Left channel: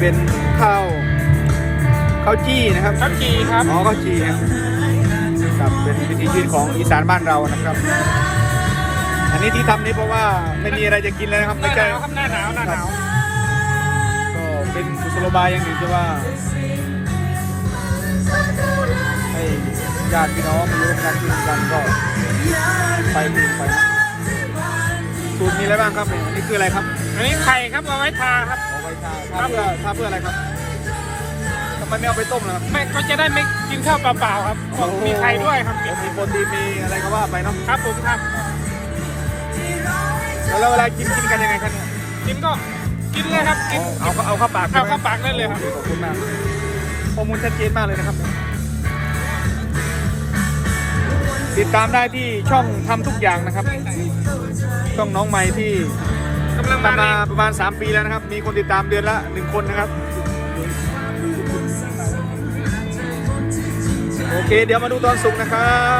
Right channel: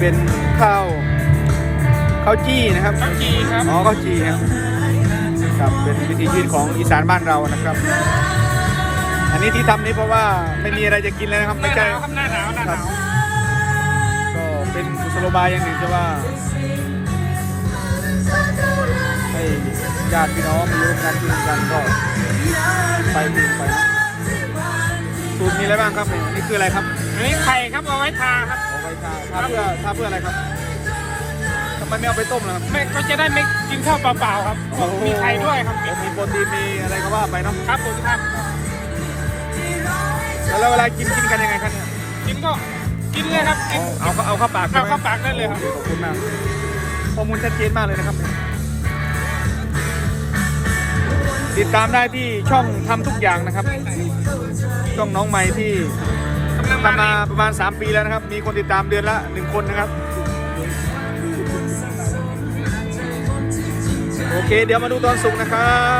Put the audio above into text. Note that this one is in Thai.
เป็นข้าวข้าวจี้นะครับครับจริงครับอ๋อข้าวจี้ครับครับเป็นวิถีชีวิตของอีสานบ้านเรานะครับ อันนี้ที่ทำนี่เพราะว่าไม่มีอะไรจะกินแล้วครับหไม่น้าหใช่นาวครับหน้าหนาวหน้าหนาวก็เป็นกุศโลบายอย่างหนึ่งก็ว่าเฮ้ยญาติพี่น้องมีร่วมรับรู้กันก็ไปกิน สูตรนี้แล้วบ้างครับผมอันนี้คืออะไรครับอันนี้ไข่ครับเอาไว้ทาครับครับเพื่อทำเพื่ออะไรครับทำไมไม่เอาไปต้มครับไม่ก็จะได้ไม่กินข้าวเปล่าๆครับมีไข่ด้วยครับเดี๋ยวมีก็คือมีอะไรก็ว่าไปนะครับผมครับแล้วเวลากินกินกันยังไงครับกินก็กินเนี่ยครับกินเอาเอาเข้าปากเอาเข้าปากได้เลยครับขอบคุณมากข้อมูลชัดเจนมากเลยนะครับติดตามได้ที่ช่องทำทุกอย่างนะครับ ช่องน้องใหม่ที่กำลังมามาประมาณสามปีแล้วนะครับ มีคนติดตามเดือนละหนึ่งคนนะครับ โอเค เดี๋ยวมาดูตอนสุกนะครับ